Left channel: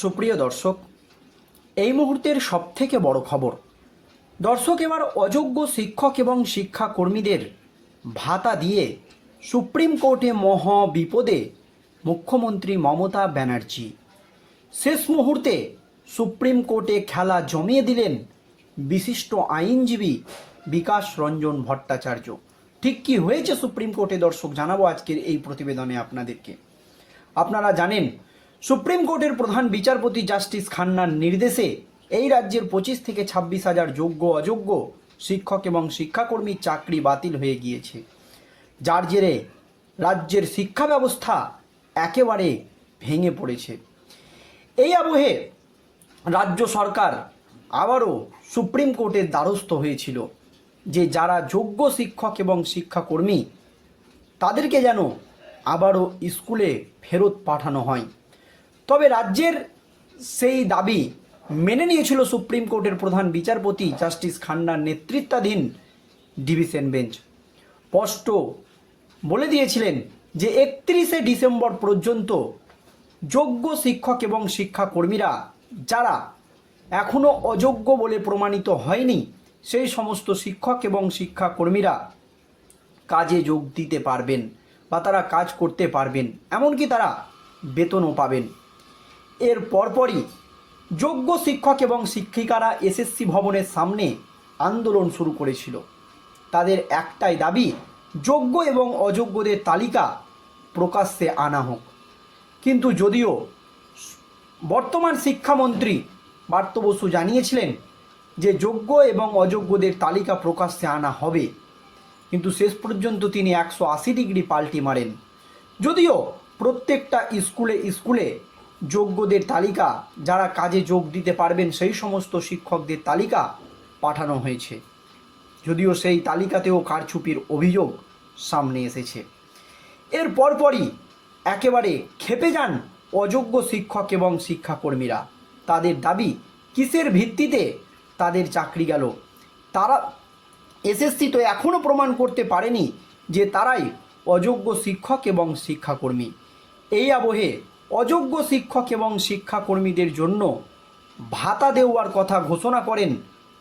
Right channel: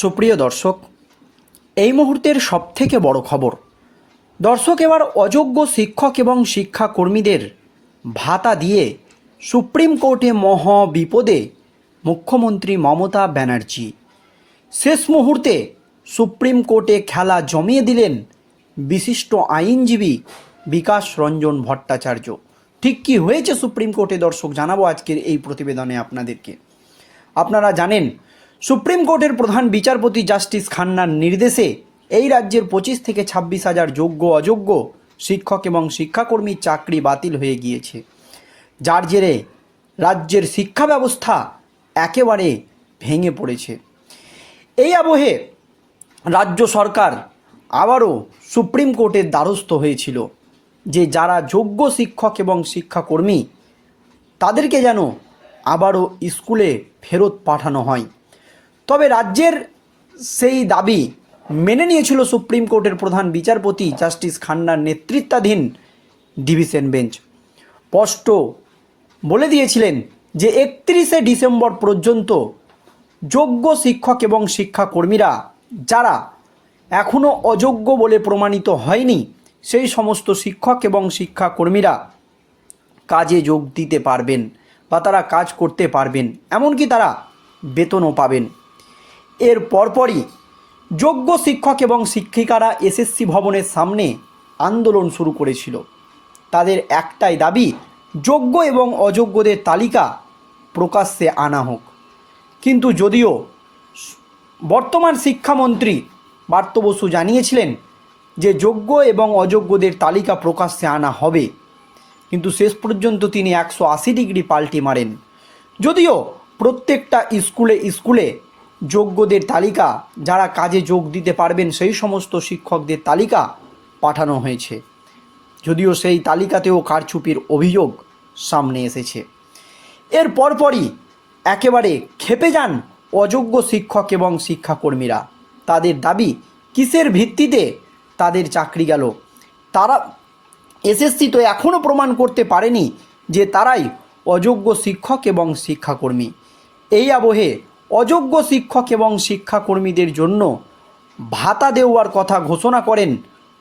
সুপ্রিয় দর্শক, এই মুহূর্তের সবথেকে বড় খবর, দর্শক এবার অযোগ্য শিক্ষক এবং শিক্ষাকর্মীদের ভাতা দিয়ে সুপ্রিম কোর্টে মহ বিপদে মুখ্যমন্ত্রী মমতা ব্যানার্জি। শেষ মুহূর্তে সুপ্রিম কোর্টে খেলা জমিয়ে দিলেন বিশিষ্ট আইনজীবী বিকাশ রঞ্জন ভট্টাচার্য। ঠিক কি হয়েছে সুপ্রিম কোর্টে দর্শক, জানাব আজকের এই প্রতিবেদনে আপনাদেরকে। আপনারা জানেন সুপ্রিম কোর্টের প্রধান বিচারপতি জাস্টিস খান্নার নির্দেশে এই রাজ্যের পঁচিশ থেকে ছাব্বিশ হাজার যোগ্য অযোগ্য শিক্ষক এবং শিক্ষাকর্মীর চাকরি বাতিল হয়ে গিয়েছে। যার জেরে রাজ্যের শিক্ষা ব্যবস্থা একেবারে ভেঙে পড়েছে। এই আবহে রাজ্য সরকার আবারও সুপ্রিম কোর্টের দ্বারস্থ হয়েছিল যে যারা যোগ্য শিক্ষক এবং শিক্ষাকর্মী তাদেরকে যেন আবারও স্কুলে ফেরত পাঠানো হয়। তবে রাজ্যের সেই দাবি মেনে নিয়েছিল সুপ্রিম কোর্টের প্রধান বিচারপতি জাস্টিস খান্নার নেতৃত্বাধীন ডিভিশন বেঞ্চ। স্পষ্ট বলে দিয়েছিলেন যে একত্রিশে ডিসেম্বর পর্যন্ত যোগ্য শিক্ষক এবং শিক্ষাকর্মীরা, যারা এখনও অযোগ্য বলে প্রমাণিত হয়নি, সেই সমস্ত শিক্ষক এবং শিক্ষাকর্মীরা কাজে যোগ দিতে পারবেন বা তারা কাজ করতে পারবেন, এমনকি তারা বেতনও পাবেন। এর পরপরই যোগ্য শিক্ষক এবং শিক্ষিকারা এসএসসি ভবনের সামনে আন্দোলন শুরু করেছিল। তাদের একটাই দাবি, যোগ্য এবং অযোগ্যদের তালিকা প্রকাশ্যে আনা হোক। কিন্তু যদিও বর্তমান শিক্ষামন্ত্রী পার্থ বসু জানিয়েছিলেন যে যোগ্য এবং অযোগ্যদের তালিকা প্রকাশ্যে আনা হবে, কিন্তু শেষ পর্যন্ত তিনি একশো আশি ডিগ্রি পাল্টি মারেন। যদিও প্রত্যেকটা স্কুলে স্কুলে যোগ্যদের তালিকা, যারা কাজে যোগ দিতে পারবেন সেই সমস্ত শিক্ষকদের তালিকা পাঠানো হয়েছে। যদিও সেই তালিকাতেও কারচুপির অভিযোগ সামনে এসেছে। এর পরপরই একেবারে খেপে যান অযোগ্য শিক্ষক এবং শিক্ষাকর্মীরা। তাদের দাবি, কিসের ভিত্তিতে তাদের চাকরি গেল? তারা এসএসসি তো এখনও প্রমাণ করতে পারেনি যে তারাই অযোগ্য শিক্ষক এবং শিক্ষাকর্মী। এই আবহে অযোগ্য শিক্ষক এবং শিক্ষাকর্মীদের জন্য ভাতা দেওয়ার কথা ঘোষণা করেন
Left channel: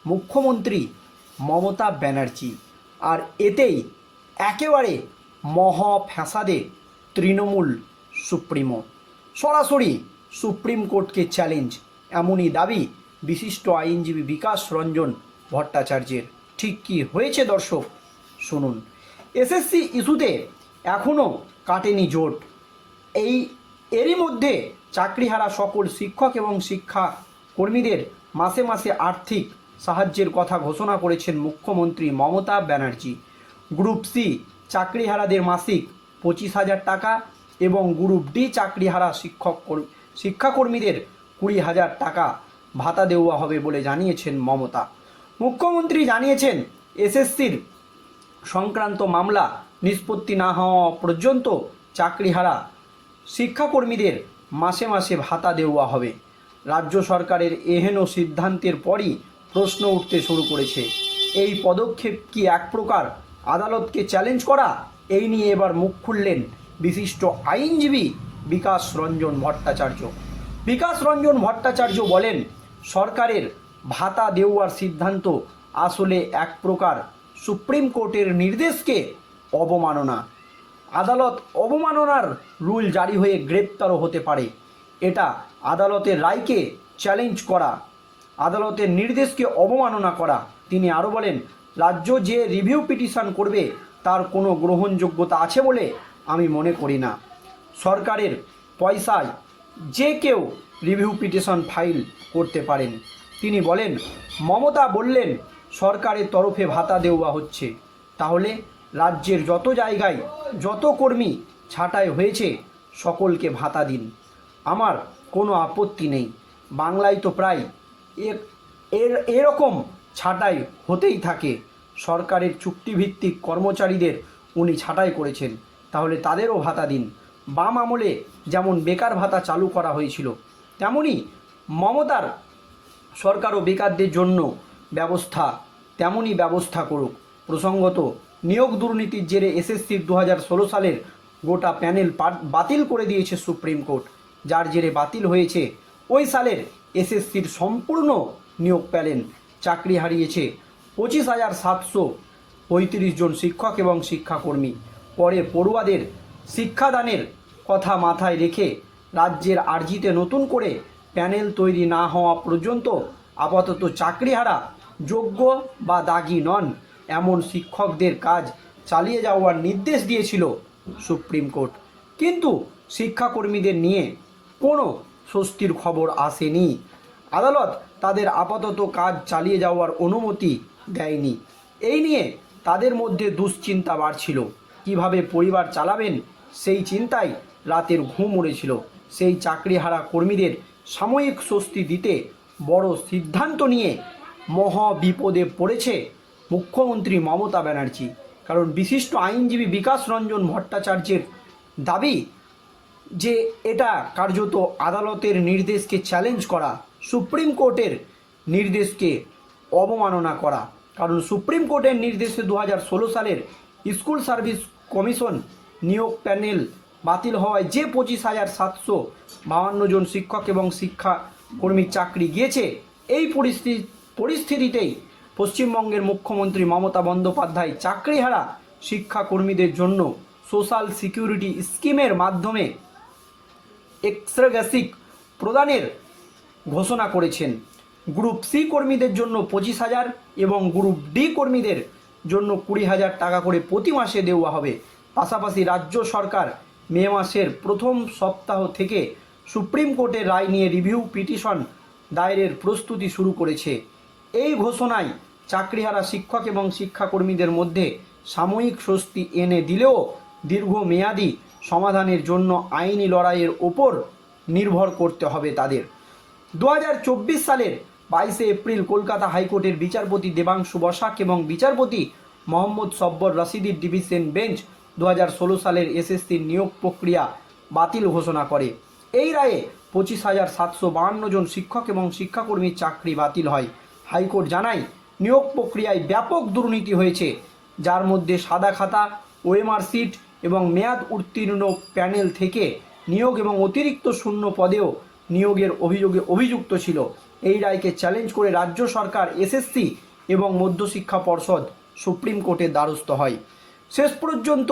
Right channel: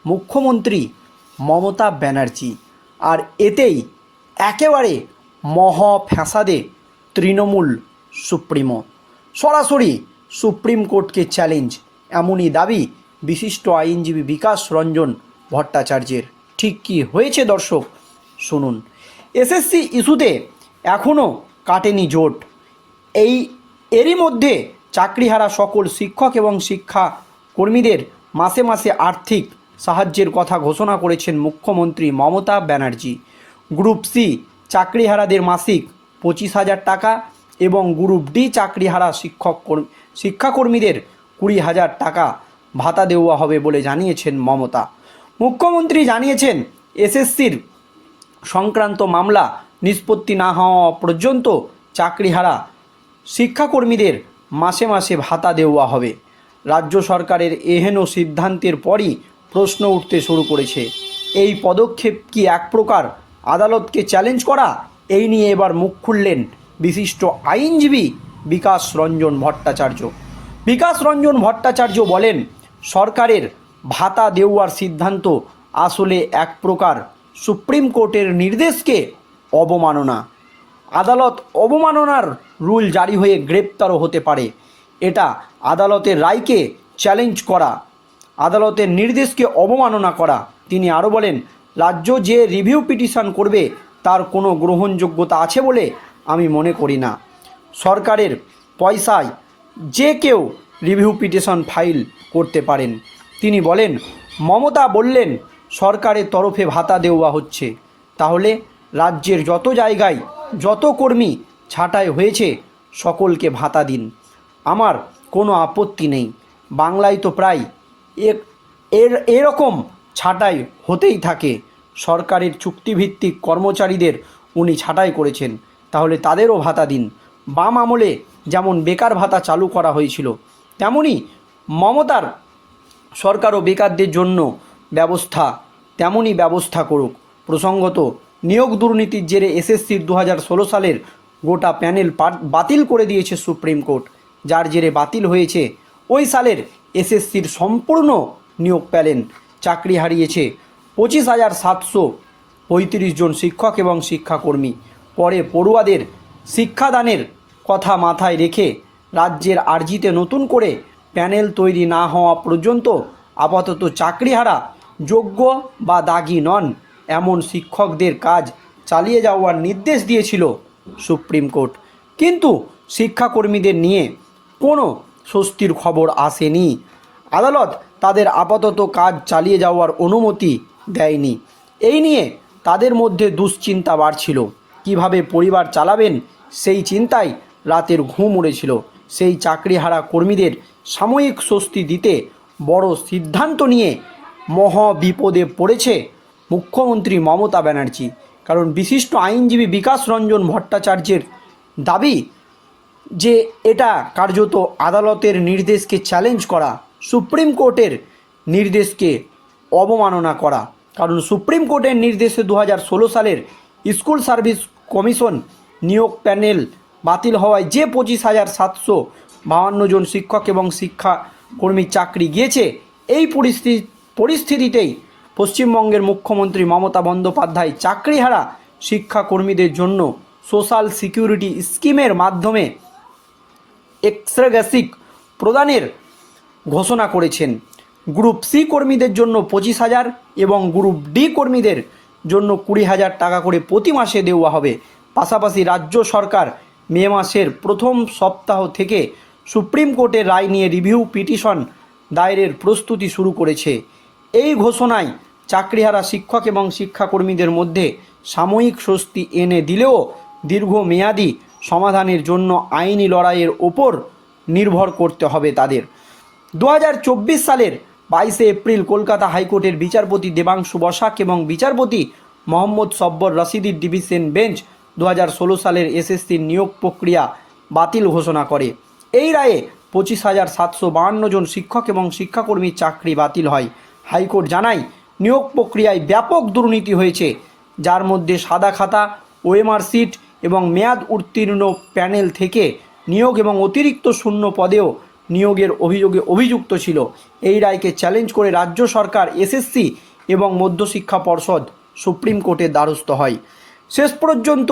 মুখ্যমন্ত্রী মমতা ব্যানার্জি। আর এতেই একেবারে মহ ফ্যাসাদে তৃণমূল সুপ্রিমো। সরাসরি সুপ্রিম কোর্টকে চ্যালেঞ্জ, এমনই দাবি বিশিষ্ট আইনজীবী বিকাশ রঞ্জন ভট্টাচার্যের। ঠিক কি হয়েছে দর্শক, শুনুন। এসএসসি ইস্যুতে এখনও কাটেনি জোট। এই এরই মধ্যে চাকরিহারা সকল শিক্ষক এবং শিক্ষা কর্মীদের মাসে মাসে আর্থিক সাহায্যের কথা ঘোষণা করেছেন মুখ্যমন্ত্রী মমতা ব্যানার্জি। গ্রুপ সি চাকরিহারাদের মাসিক পঁচিশ হাজার টাকা এবং গ্রুপ ডি চাকরিহারা শিক্ষক কর্ম- শিক্ষাকর্মীদের কুড়ি হাজার টাকা ভাতা দেওয়া হবে বলে জানিয়েছেন মমতা। মুখ্যমন্ত্রী জানিয়েছেন, এসএসসির সংক্রান্ত মামলা নিষ্পত্তি না হওয়া পর্যন্ত চাকরিহারা শিক্ষাকর্মীদের মাসে মাসে ভাতা দেওয়া হবে। রাজ্য সরকারের এহেন সিদ্ধান্তের পরই প্রশ্ন উঠতে শুরু করেছে। এই পদক্ষেপ কি এক প্রকার আদালতকে চ্যালেঞ্জ করা? এই নিয়ে এবার মুখ খুললেন বিশিষ্ট আইনজীবী বিকাশ রঞ্জন ভট্টাচার্য। বিকাশ রঞ্জন ভট্টাচার্য বলেন, সরকারের ভাতা দেওয়ার সিদ্ধান্ত আসলে এক প্রকার সুপ্রিম কোর্টের নির্দেশকে অবমাননা। আদালত অবমাননার রুল জারি হয়ে গ্রেপ্তারও হতে পারে। এটা আদালতের রায়কে চ্যালেঞ্জ করা, আদালতের নির্দেশকে অবমাননা করা। তিনি আরও বলেন, রাজ্য যে রিভিউ পিটিশন করবে তার কোনো গ্রহণযোগ্যতা আছে বলে আমি মনে করি না। সরকারের পয়সায় যে কেউ রিভিউ পিটিশন ফাইল করতে পারেন। তিনি বলেন, মমতা বললেন, সরকারের তরফে ভাতা দেওয়া হচ্ছে। তাহলে রাজ্যের যত জায়গায় যত কর্মী ছাঁটাই হয়েছে, সকলকে ভাতা দিন। আমার কোনো আপত্তি নেই। বাংলায় তো প্রায় এর, এরকম ছাঁটাই হতেই থাকে। সরকারের চুক্তিভিত্তিক কর্মচারীদের উনি ছাঁটাই করেছেন। তাহলে তাদেরও ভাতা দিন। বাম আমলে যেমন বেকার ভাতা চালু করা হয়েছিল, তেমনি মমতার সরকারও বেকারদের জন্য ব্যবস্থা তেমনই ব্যবস্থা করুক। প্রসঙ্গত নিয়োগ দুর্নীতির জেরে এসএসসির দু হাজার ষোলো সালের গোটা প্যানেল বাতিল করে দিয়েছে সুপ্রিম কোর্ট, যার জেরে বাতিল হয়েছে ওই সালের এসএসসির সম্পূর্ণ নিয়োগ পেলেন চাকরি হারিয়েছে পঁচিশ হাজার সাতশো পঁয়ত্রিশ জন শিক্ষক এবং শিক্ষাকর্মী। পরে পড়ুয়াদের শিক্ষাদানের কথা মাথায় রেখে রাজ্যের আর্জিতে নতুন করে প্যানেল তৈরি না হওয়া পর্যন্ত আপাতত চাকরিহারা যোগ্য বা দাগি নন। এমন শিক্ষকদের কাজ চালিয়ে যাওয়ার নির্দেশ দিয়েছিল সুপ্রিম কোর্ট। কিন্তু শিক্ষাকর্মীদের নিয়ে কোনো স্বস্তির খবর আসেনি। আদালত তাদের আপাতত কাজ চালিয়ে যাওয়ার অনুমতি দেয়নি। এই নিয়ে তাদের মধ্যে দুশ্চিন্তা বাড়ছিল। কীভাবে পরিবার চালাবেন সেই চিন্তায় রাতের ঘুম উড়েছিল। সেই চাকরিহারা কর্মীদের সাময়িক স্বস্তি দিতে বড় সিদ্ধান্ত নিয়ে মহ বিপদে পড়েছে মুখ্যমন্ত্রী মমতা ব্যানার্জি। কারণ বিশিষ্ট আইনজীবী বিকাশ রঞ্জন ভট্টাচার্যের দাবি যে এটা কার্যত আদালতের নির্দেশকে চ্যালেঞ্জ করা, সুপ্রিম কোর্টের নির্দেশকে অবমাননা করা। কারণ সুপ্রিম কোর্টের নির্দেশে দু হাজার ষোলো সালের স্কুল সার্ভিস কমিশন নিয়োগ প্যানেল বাতিল হওয়ায় যে পঁচিশ হাজার সাতশো বাহান্ন জন শিক্ষক এবং শিক্ষাকর্মীর চাকরি গিয়েছে, এই পরিস্থিতি পরিস্থিতিতেই পশ্চিমবঙ্গের মুখ্যমন্ত্রী মমতা বন্দ্যোপাধ্যায় চাকরিহারা শিক্ষাকর্মীদের জন্য সোশ্যাল সিকিউরিটি স্কিমের মাধ্যমে এক্সট্রাগ্যাসিক প্রদানের ঘোষণা করেছেন। গ্রুপ সি কর্মীদের জন্য পঁচিশ হাজার এবং গ্রুপ ডি কর্মীদের জন্য কুড়ি হাজার টাকা করে প্রতি মাসে দেওয়া হবে। পাশাপাশি রাজ্য সরকার মে মাসের প্রথম সপ্তাহ থেকে সুপ্রিম কোর্টের রায় নিয়ে রিভিউ পিটিশন দায়েরের প্রস্তুতি শুরু করেছে। এই ঘোষণায় চাকরিহারা শিক্ষক এবং শিক্ষাকর্মীদের মধ্যে সাময়িক স্বস্তি এনে দিলেও দীর্ঘমেয়াদী সমাধানের জন্য আইনি লড়াইয়ের ওপর নির্ভর করতে হবে তাদের। দু হাজার চব্বিশ সালের বাইশে এপ্রিল কলকাতা হাইকোর্টের বিচারপতি দেবাংশু বসাক এবং বিচারপতি মোহাম্মদ সব্বর রশিদির ডিভিশন বেঞ্চ দু হাজার ষোলো সালের এসএসসির নিয়োগ প্রক্রিয়া বাতিল ঘোষণা করে। এই রায়ে পঁচিশ হাজার সাতশো বাহান্ন জন শিক্ষক এবং শিক্ষাকর্মীর চাকরি বাতিল হয়। হাইকোর্ট জানায়, নিয়োগ প্রক্রিয়ায় ব্যাপক দুর্নীতি হয়েছে, যার মধ্যে সাদা খাতা, ওএমআর সিট এবং মেয়াদ উত্তীর্ণ প্যানেল থেকে নিয়োগ এবং অতিরিক্ত শূন্য পদেও নিয়োগের অভিযোগে অভিযুক্ত ছিল। এই রায়কে চ্যালেঞ্জ করে রাজ্য সরকার, এসএসসি এবং মধ্যশিক্ষা পর্ষদ, সুপ্রিম কোর্টের দ্বারস্থ হয়। শেষ পর্যন্ত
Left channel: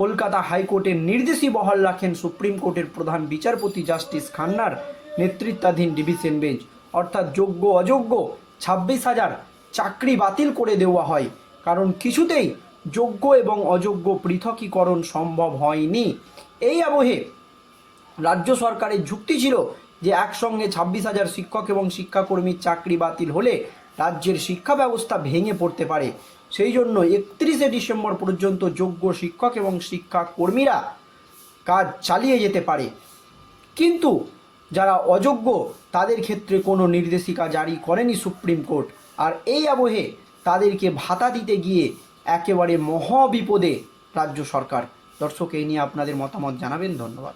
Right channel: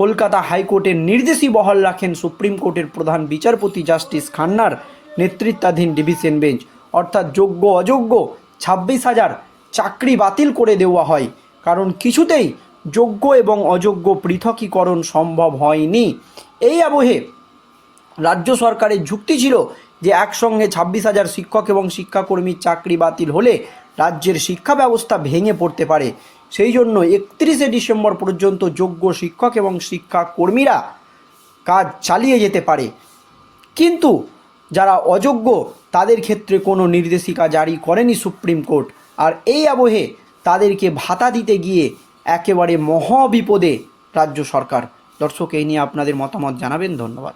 কলকাতা হাইকোর্টের নির্দেশই বহাল রাখেন সুপ্রিম কোর্টের প্রধান বিচারপতি জাস্টিস খান্নার নেতৃত্বাধীন ডিভিশন বেঞ্চ। অর্থাৎ যোগ্য অযোগ্য ছাব্বিশ হাজার চাকরি বাতিল করে দেওয়া হয়। কারণ কিছুতেই যোগ্য এবং অযোগ্য পৃথকীকরণ সম্ভব হয়নি। এই আবহে রাজ্য সরকারের যুক্তি ছিল যে একসঙ্গে ছাব্বিশ হাজার শিক্ষক এবং শিক্ষাকর্মীর চাকরি বাতিল হলে রাজ্যের শিক্ষা ব্যবস্থা ভেঙে পড়তে পারে। সেই জন্য একত্রিশে ডিসেম্বর পর্যন্ত যোগ্য শিক্ষক এবং শিক্ষাকর্মীরা কাজ চালিয়ে যেতে পারে। কিন্তু যারা অযোগ্য, তাদের ক্ষেত্রে কোনো নির্দেশিকা জারি করেনি সুপ্রিম কোর্ট। আর এই আবহে তাদেরকে ভাতা দিতে গিয়ে একেবারে মহাবিপদে রাজ্য সরকার। দর্শক, এই নিয়ে আপনাদের মতামত জানাবেন। ধন্যবাদ।